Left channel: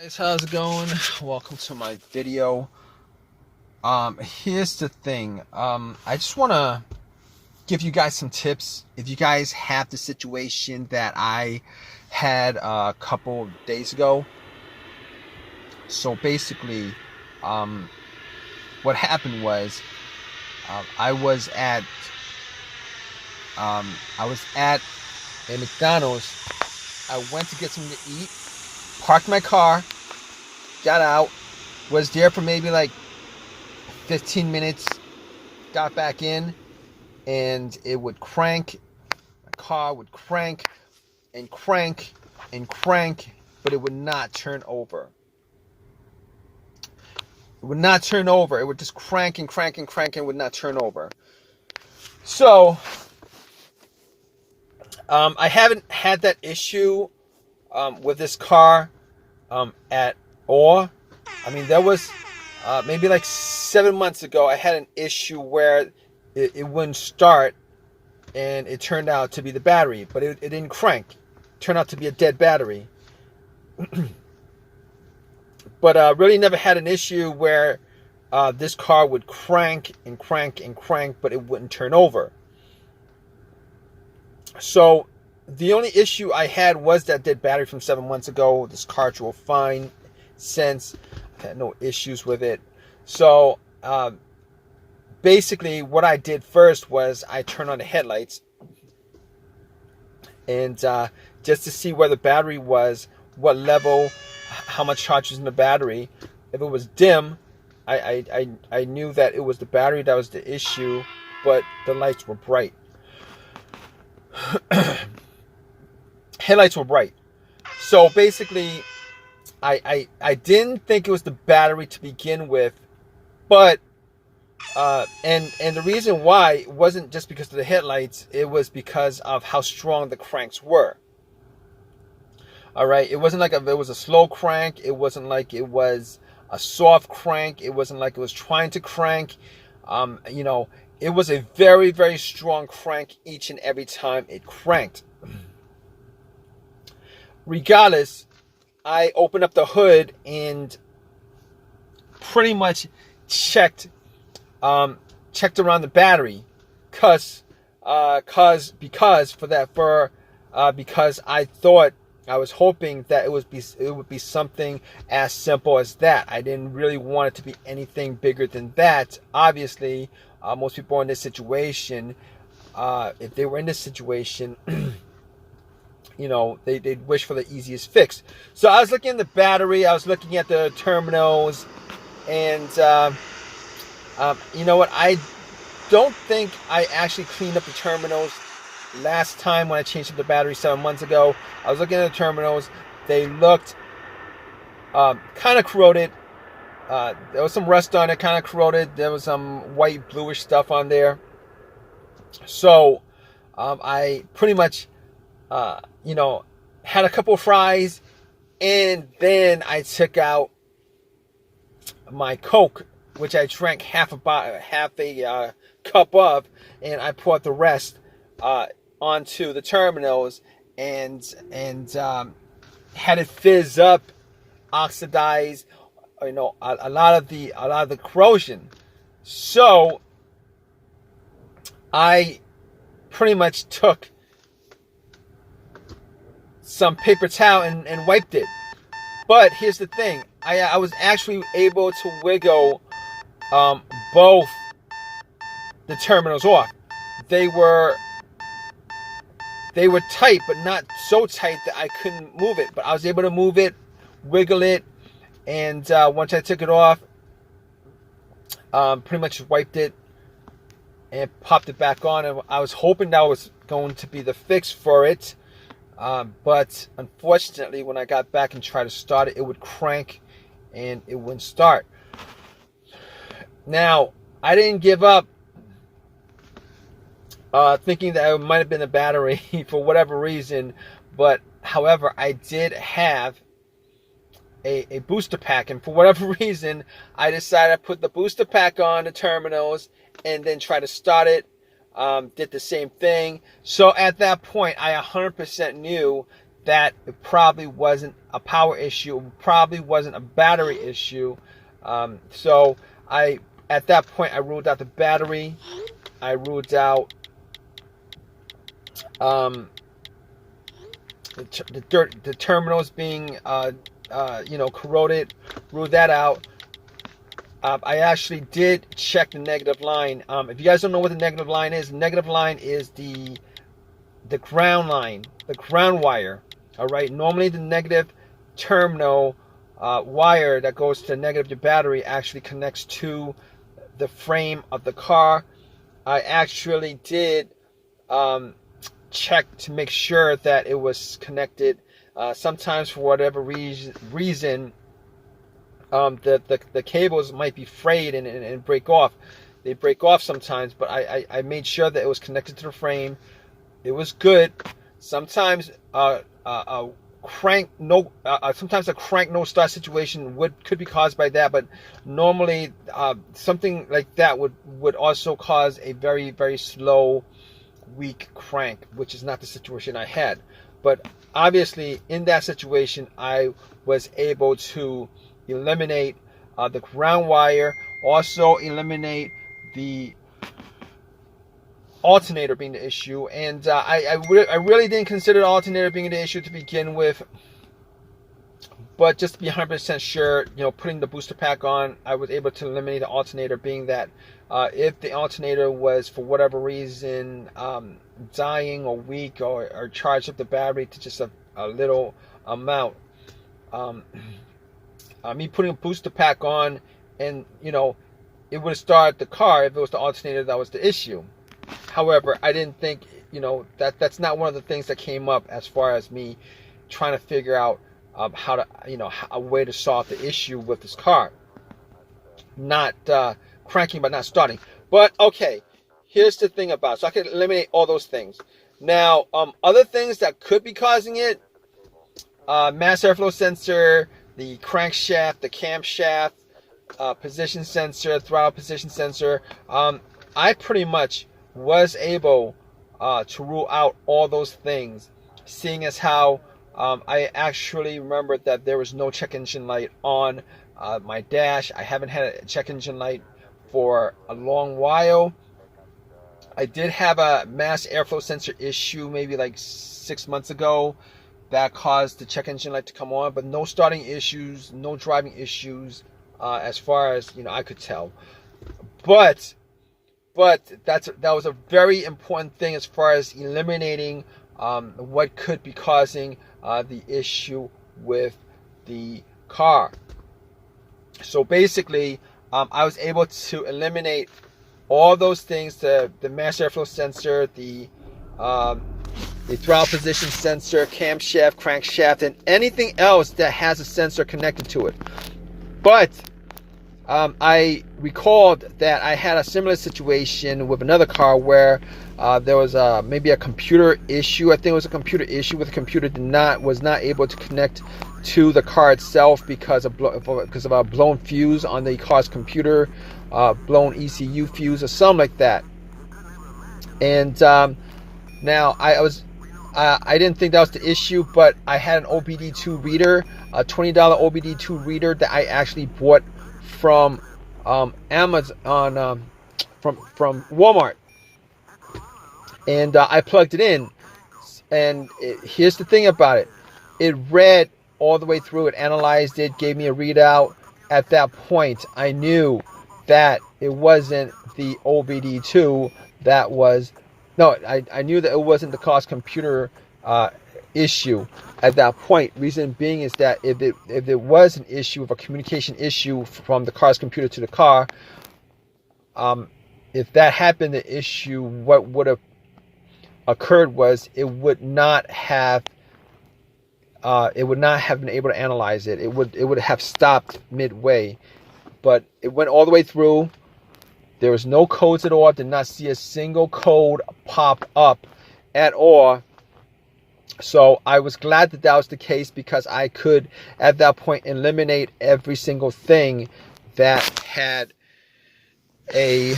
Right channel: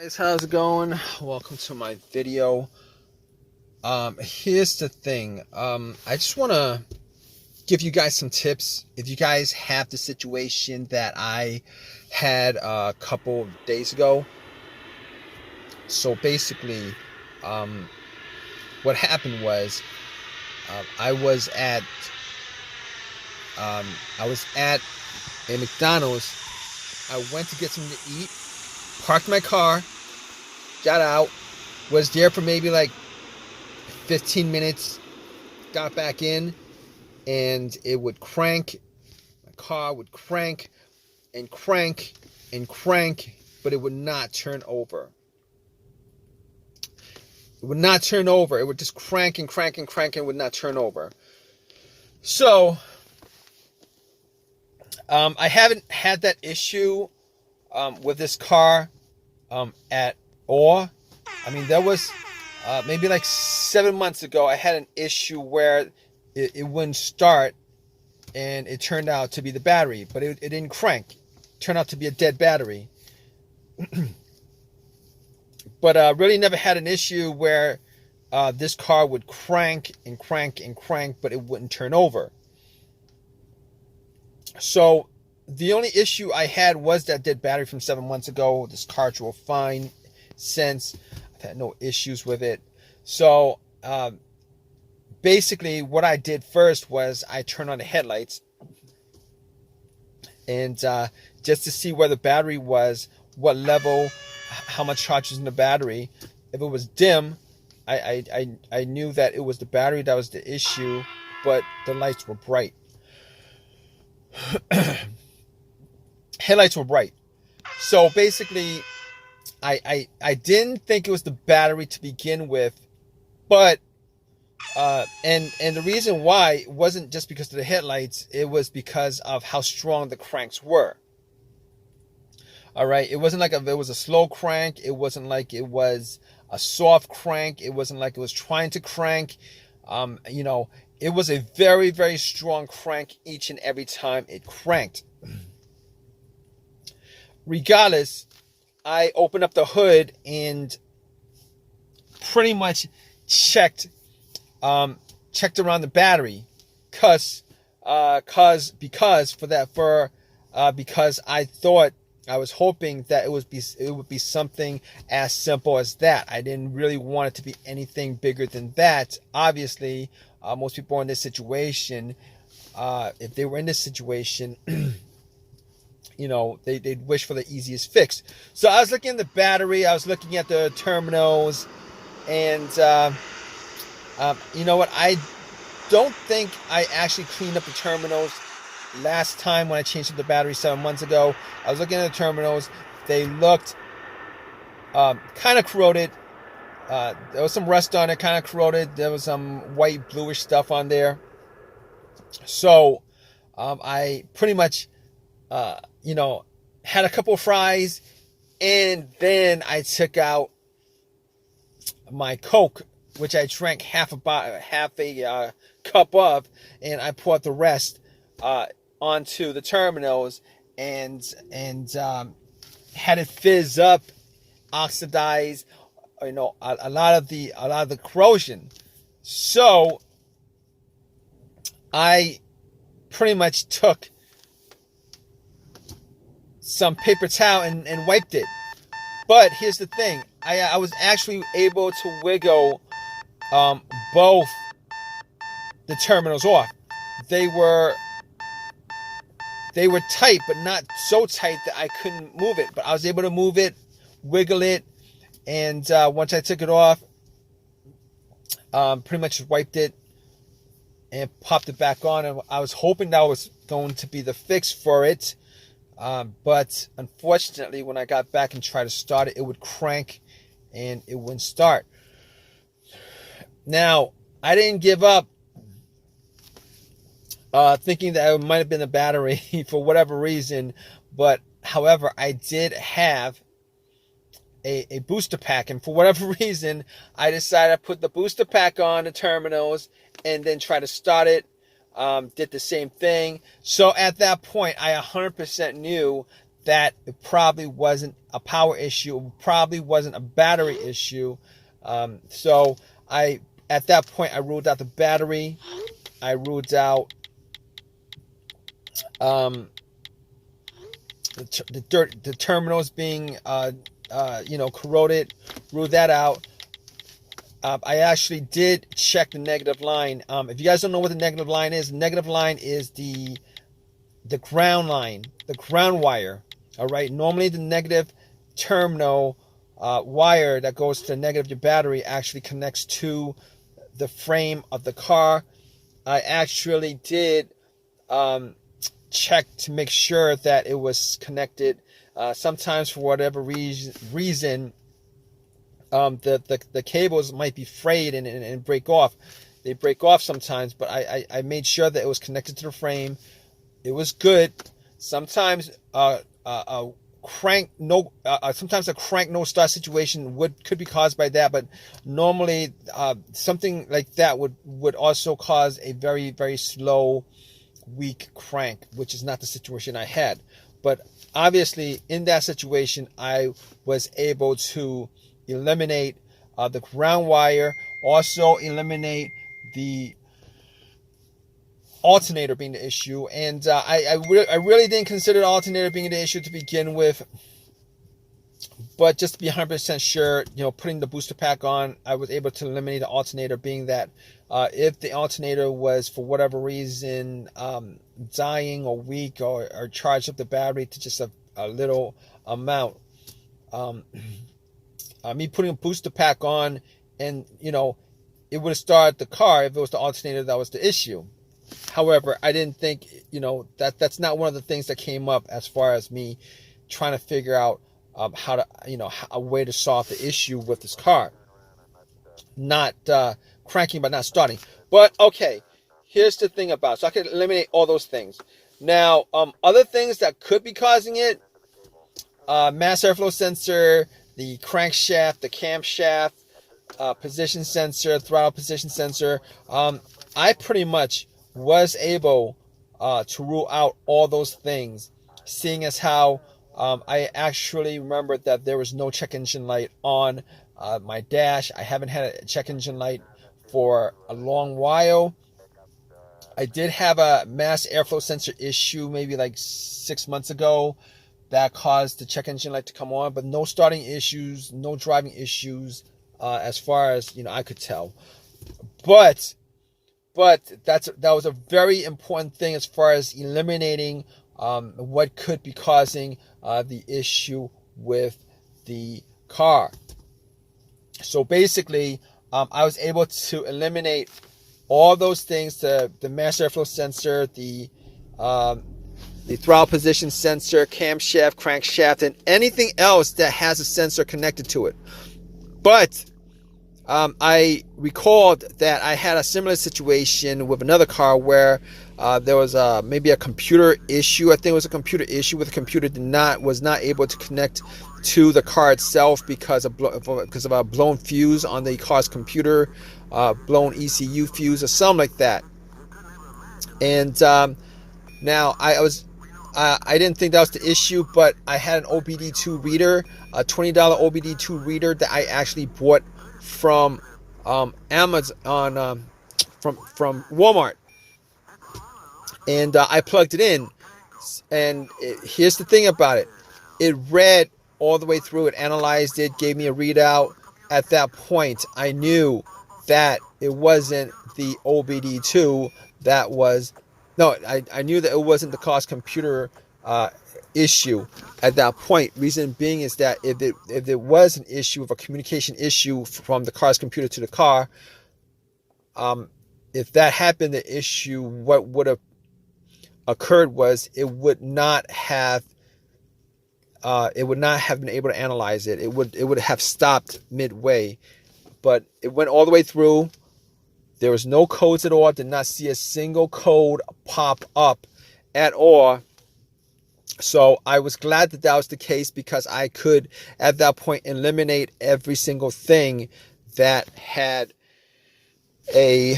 Guys, how's it going? Welcome to my video. Here's the thing. I just want to give you guys some tips if you guys have the situation that I had a couple of days ago. So basically, what happened was I was at a McDonald's. I went to get something to eat, parked my car, got out, was there for maybe like 15 minutes, got back in, and it would crank. My car would crank and crank and crank, but it would not turn over. It would not turn over. It would just crank and crank and crank and would not turn over. So, I haven't had that issue with this car at all. I mean, there was maybe like 7 months ago, I had an issue where it wouldn't start, and it turned out to be the battery, but it didn't crank. It turned out to be a dead battery. But really never had an issue where this car would crank and crank and crank, but it wouldn't turn over. So the only issue I had was that dead battery from 7 months ago. This car drove fine since. I've had no issues with it. So basically what I did first was I turned on the headlights, and just to see where the battery was, what level, how much charge is in the battery. If it was dim, I knew that it was the battery that was the issue, but the lights were bright. Headlights were bright. So basically, I didn't think it was the battery to begin with, but and the reason why it wasn't just because of the headlights, it was because of how strong the cranks were. All right, it wasn't like it was a slow crank. It wasn't like it was a soft crank. It wasn't like it was trying to crank. It was a very, very strong crank each and every time it cranked. Regardless, I opened up the hood and pretty much checked around the battery, because I thought, I was hoping that it would be something as simple as that. I didn't really want it to be anything bigger than that. Obviously, most people in this situation, if they were in this situation, they'd wish for the easiest fix. So I was looking at the battery, I was looking at the terminals, and you know what? I don't think I actually cleaned up the terminals last time when I changed up the battery 7 months ago. I was looking at the terminals. They looked kind of corroded. There was some rust on it, kind of corroded. There was some white, bluish stuff on there. So I pretty much, had a couple of fries, and then I took out my Coke, which I drank half a cup of, and I poured the rest onto the terminals, and had it fizz up, oxidize, a lot of the corrosion. So I pretty much took some paper towel and wiped it. But here's the thing, I was actually able to wiggle both the terminals off. They were tight, but not so tight that I couldn't move it. But I was able to move it, wiggle it, and once I took it off, pretty much wiped it and popped it back on. And I was hoping that was going to be the fix for it. But unfortunately, when I got back and tried to start it, it would crank and it wouldn't start. Now, I didn't give up thinking that it might have been a battery for whatever reason. But however, I did have a booster pack, and for whatever reason, I decided to put the booster pack on the terminals and then try to start it. Did the same thing. So at that point, I 100% knew that it probably wasn't a power issue, it probably wasn't a battery issue. So at that point, I ruled out the battery. I ruled out the terminals being corroded. Ruled that out. I actually did check the negative line. If you guys don't know what the negative line is the ground line, the ground wire. All right. Normally, the negative terminal wire that goes to the negative of your battery actually connects to the frame of the car. I actually did check to make sure that it was connected. Sometimes, for whatever reason, the cables might be frayed and break off. They break off sometimes, but I made sure that it was connected to the frame. It was good. Sometimes sometimes a crank no start situation could be caused by that, but normally something like that would also cause a very, very slow, weak crank, which is not the situation I had. But obviously in that situation, I was able to eliminate the ground wire, also eliminate the alternator being the issue. And I really didn't consider the alternator being the issue to begin with, but just to be 100% sure, putting the booster pack on, I was able to eliminate the alternator, being that if the alternator was for whatever reason dying or weak or charged up the battery to just a little amount, me putting a booster pack on, and it would have started the car if it was the alternator that was the issue. However, I didn't think, that's not one of the things that came up as far as me trying to figure out how to, a way to solve the issue with this car. Not cranking, but not starting. But okay, here's the thing about it. So I can eliminate all those things. Now, other things that could be causing it, mass airflow sensor, the crankshaft, the camshaft, position sensor, throttle position sensor. I pretty much was able to rule out all those things, seeing as how I actually remembered that there was no check engine light on my dash. I haven't had a check engine light for a long while. I did have a mass airflow sensor issue maybe like 6 months ago that caused the check engine light to come on, but no starting issues, no driving issues, as far as I could tell. But that was a very important thing as far as eliminating what could be causing the issue with the car. So basically, I was able to eliminate all those things: the mass airflow sensor, the throttle position sensor, camshaft, crankshaft, and anything else that has a sensor connected to it. But I recalled that I had a similar situation with another car where there was maybe a computer issue. I think it was a computer issue where the computer was not able to connect to the car itself because of a blown fuse on the car's computer, blown ECU fuse or something like that. And now I didn't think that was the issue, but I had an OBD2 reader, a $20 OBD2 reader that I actually bought from Amazon, from Walmart, and I plugged it in. And here's the thing about it: it read all the way through. It analyzed it, gave me a readout. At that point, I knew that it wasn't the OBD2 that was. No, I knew that it wasn't the car's computer issue at that point. Reason being is that if it was an issue of a communication issue from the car's computer to the car, if that happened, the issue, what would have occurred was it would not have been able to analyze it. It would have stopped midway, but it went all the way through. There was no codes at all. I did not see a single code pop up at all. So I was glad that was the case, because I could, at that point, eliminate every single thing that had a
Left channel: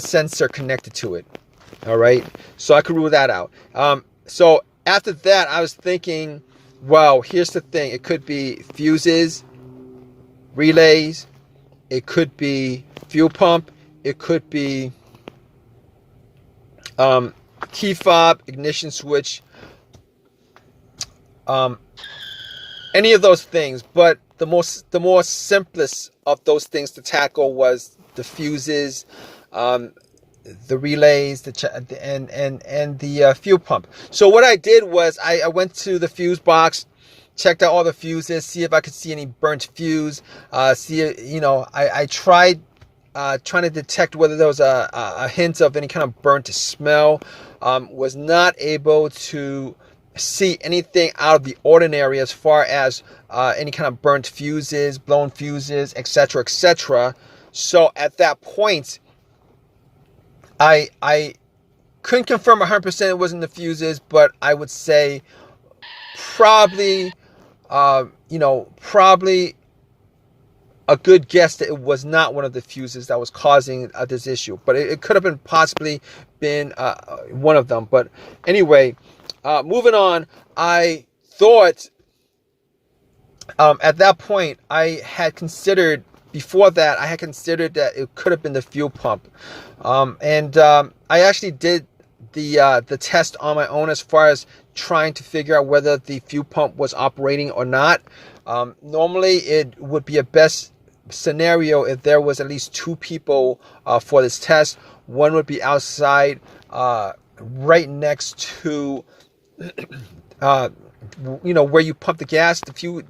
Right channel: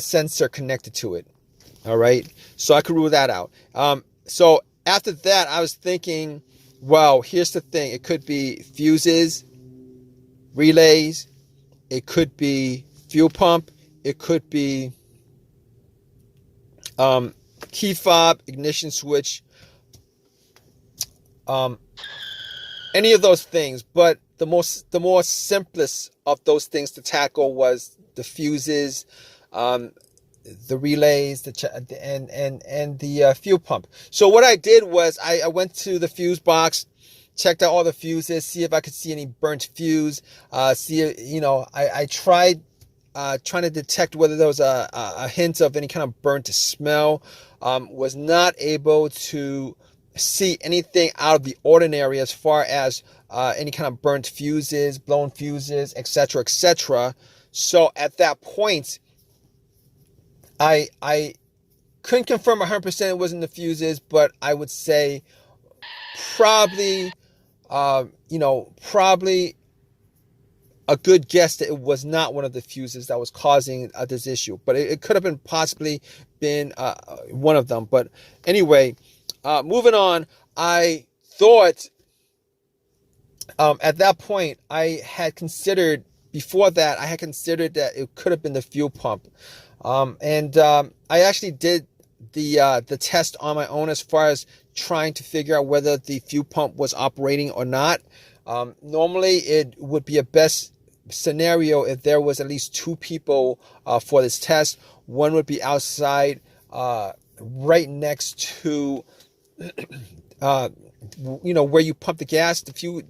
sensor connected to it. All right, so I could rule that out. So after that, I was thinking, well, here's the thing. It could be fuses, relays. It could be fuel pump. It could be key fob, ignition switch, any of those things. But the more simplest of those things to tackle was the fuses, the relays, and the fuel pump. So what I did was I went to the fuse box, checked out all the fuses, see if I could see any burnt fuse. I tried trying to detect whether there was a hint of any kind of burnt smell. Was not able to see anything out of the ordinary as far as any kind of burnt fuses, blown fuses, etc., etc. So at that point, I couldn't confirm 100% it wasn't the fuses, but I would say probably, probably a good guess that it was not one of the fuses that was causing this issue. But it could have been possibly been one of them. But anyway, moving on, I thought at that point before that I had considered that it could have been the fuel pump. I actually did the test on my own as far as trying to figure out whether the fuel pump was operating or not. Normally, it would be a best scenario if there was at least two people for this test. One would be outside, right next to, where you pump the gas.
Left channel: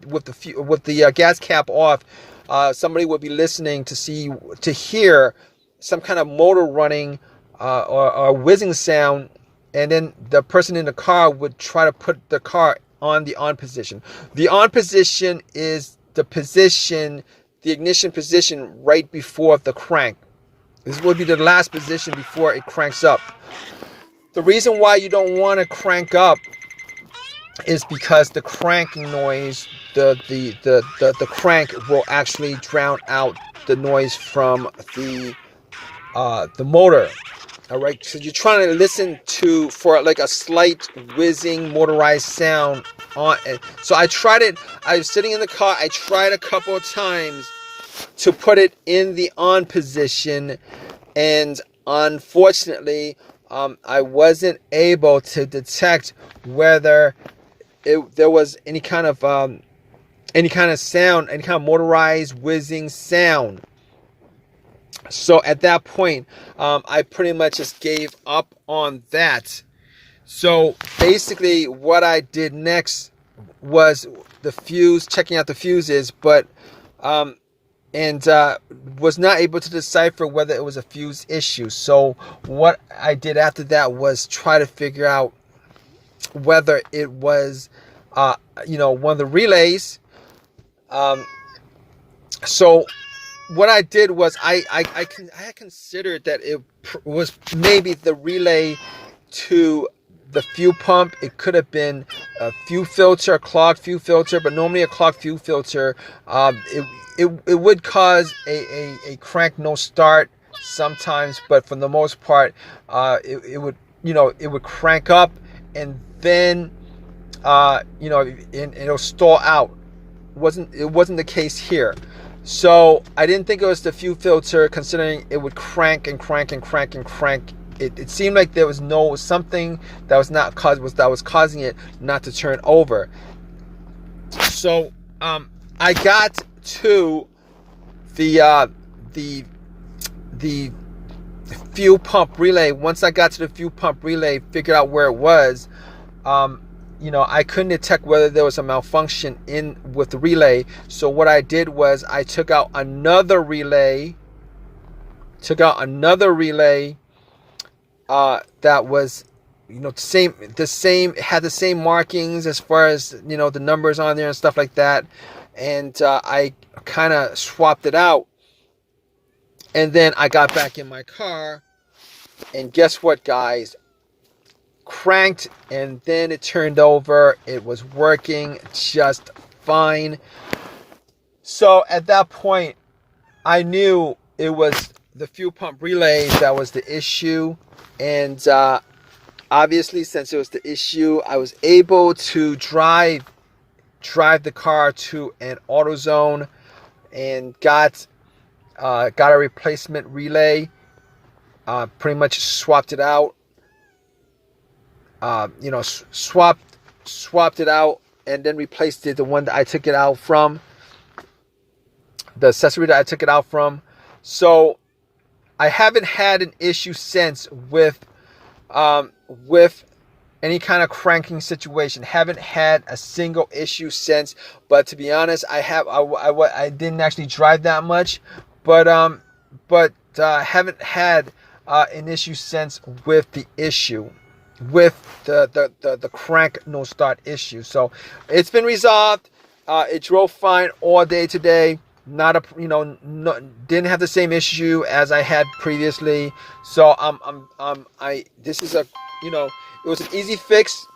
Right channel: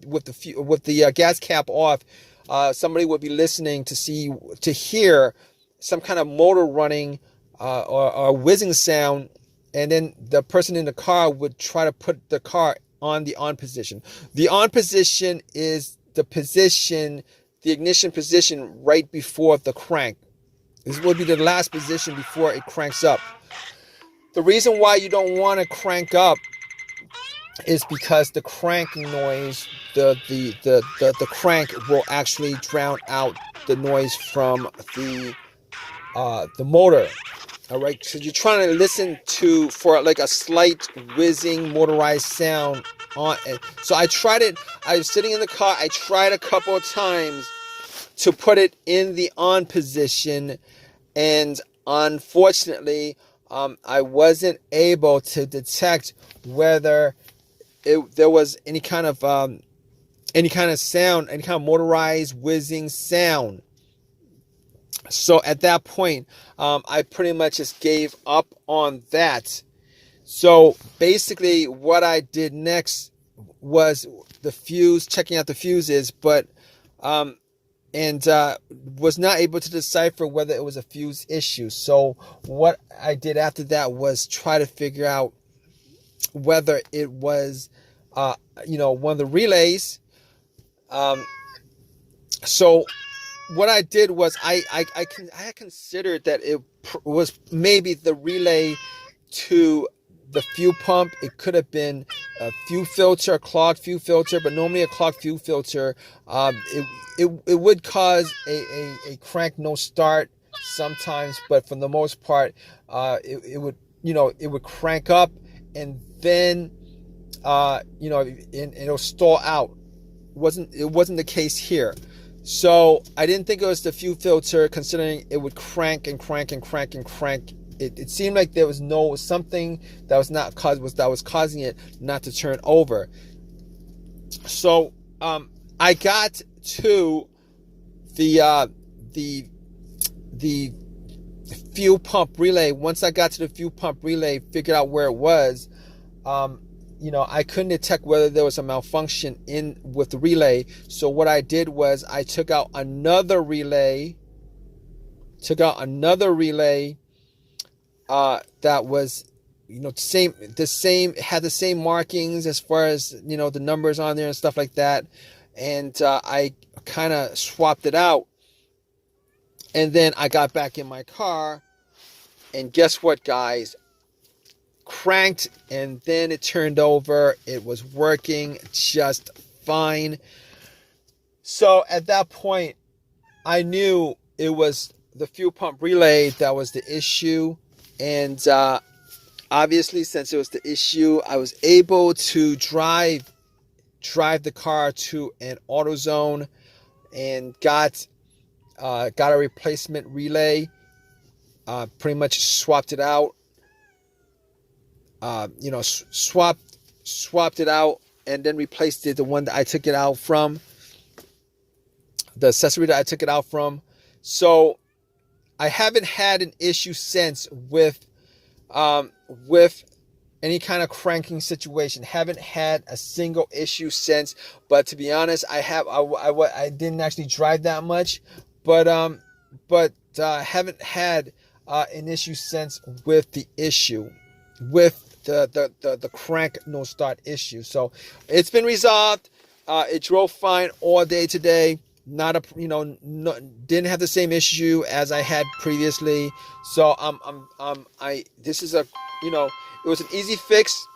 With the gas cap off, somebody would be listening to hear some kind of motor running or whizzing sound, and then the person in the car would try to put the car on the on position. The on position is the ignition position right before the crank. This would be the last position before it cranks up. The reason why you don't want to crank up is because the cranking noise, the crank will actually drown out the noise from the motor. All right, so you're trying to listen for like a slight whizzing motorized sound on it. So I tried it. I was sitting in the car. I tried a couple of times to put it in the on position, and unfortunately, I wasn't able to detect whether there was any kind of sound, any kind of motorized whizzing sound. So at that point, I pretty much just gave up on that. So basically what I did next was checking out the fuses, but was not able to decipher whether it was a fuse issue. So what I did after that was try to figure out whether it was, one of the relays. So what I did was I had considered that it was maybe the relay to the fuel pump. It could have been a fuel filter, a clogged fuel filter, but normally a clogged fuel filter, it would cause a crank no start sometimes, but for the most part, it would crank up and then and it'll stall out. It wasn't the case here. So I didn't think it was the fuel filter, considering it would crank and crank and crank and crank. It seemed like there was something that was causing it not to turn over. So I got to the fuel pump relay. Once I got to the fuel pump relay, figured out where it was. I couldn't detect whether there was a malfunction with the relay. So what I did was I took out another relay. That was, the same, had the same markings as far as, the numbers on there and stuff like that. And I kind of swapped it out. And then I got back in my car. And guess what, guys? Cranked, and then it turned over. It was working just fine. So at that point, I knew it was the fuel pump relay that was the issue. And Obviously, since it was the issue, I was able to drive the car to an AutoZone and got a replacement relay. Pretty much swapped it out. Swapped it out and then replaced it, the one that I took it out from, the accessory that I took it out from. So I haven't had an issue since with any kind of cranking situation. Haven't had a single issue since. But to be honest, I didn't actually drive that much, but haven't had an issue since with the issue, with the crank no start issue. So it's been resolved. It drove fine all day today. Not a didn't have the same issue as I had previously. So this is a it was an easy fix.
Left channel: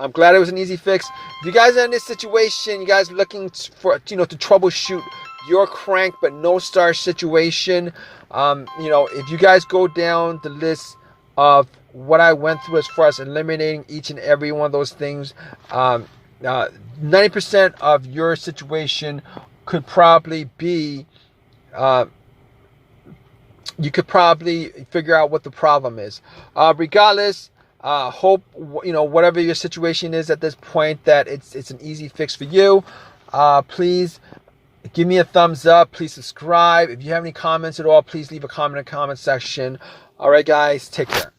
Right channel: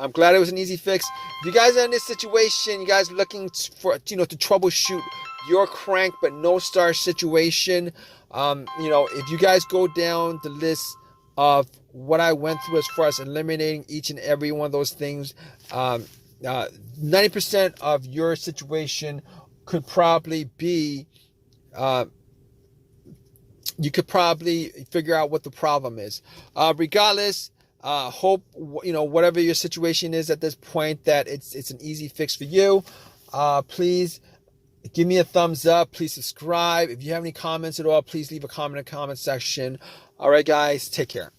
I'm glad it was an easy fix. If you guys are in this situation, you guys looking for to troubleshoot your crank but no start situation, if you guys go down the list of what I went through as far as eliminating each and every one of those things, 90% of your situation could probably be, you could probably figure out what the problem is. Regardless, hope whatever your situation is at this point, that it's an easy fix for you. Please give me a thumbs up. Please subscribe. If you have any comments at all, please leave a comment in the comment section. All right, guys, take care.